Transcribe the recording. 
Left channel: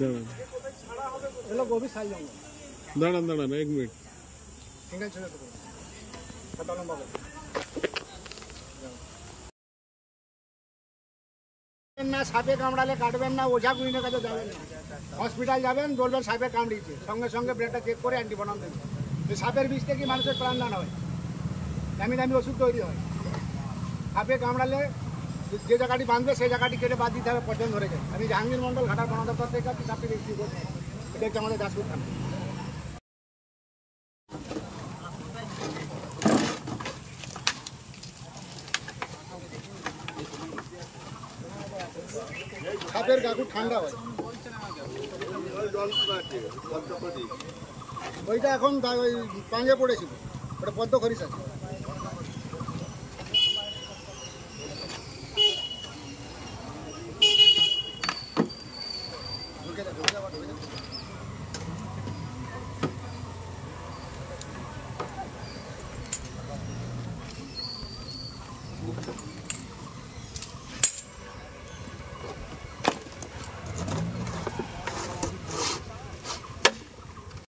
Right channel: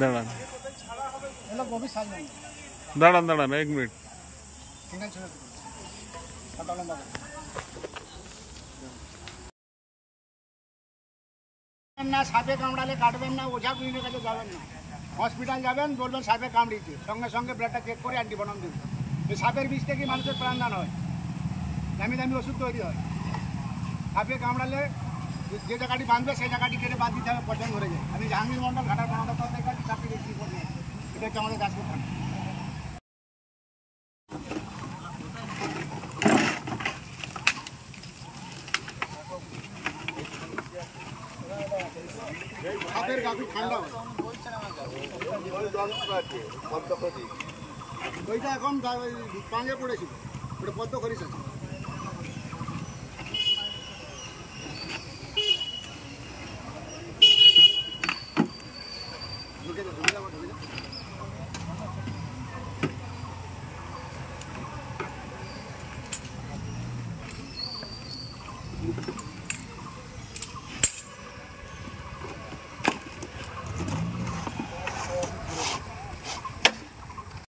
দাঁড়ান এগুলো গভীর সাইজ জঙ্গল। দাঁড়ান দাঁড়ান 1 মিনিট। সিঙ্গেল ছেড়ে তো কাটা লম্বা করে না। সাপে কামড়ালে কাটবেন না, ওঝা গুইনের কাছে যাবেন না। হসপিটাল যাবেন, বলবেন সাপে কামড়িয়েছে, সঙ্গে সঙ্গে ব্লাডটা চেক করে অ্যান্টিবায়োটিক দিন। এই সাপের বিষ থেকে মানুষের প্রাণদান হয়, দামি দামি ওষুধ তৈরি হয়। সাপে কামড়ালে যে জায়গাটি বাঁধবে সেই জায়গাটি কেটে বাদ দিতে হবে, পছন্দ ধরে যায়। আমি জাহাঙ্গীর মন্ডল ঘাটার পঞ্চায়েত থেকে আছি, তার থেকে রিসিভ করছি। এটা হচ্ছে আমাদের দাসপুর থানা। সাপের গা খুব ঠান্ডা হয়। ওইটা এখন পাঞ্জে পড়েছিল, ওটা পদ্ম খরিস আছে।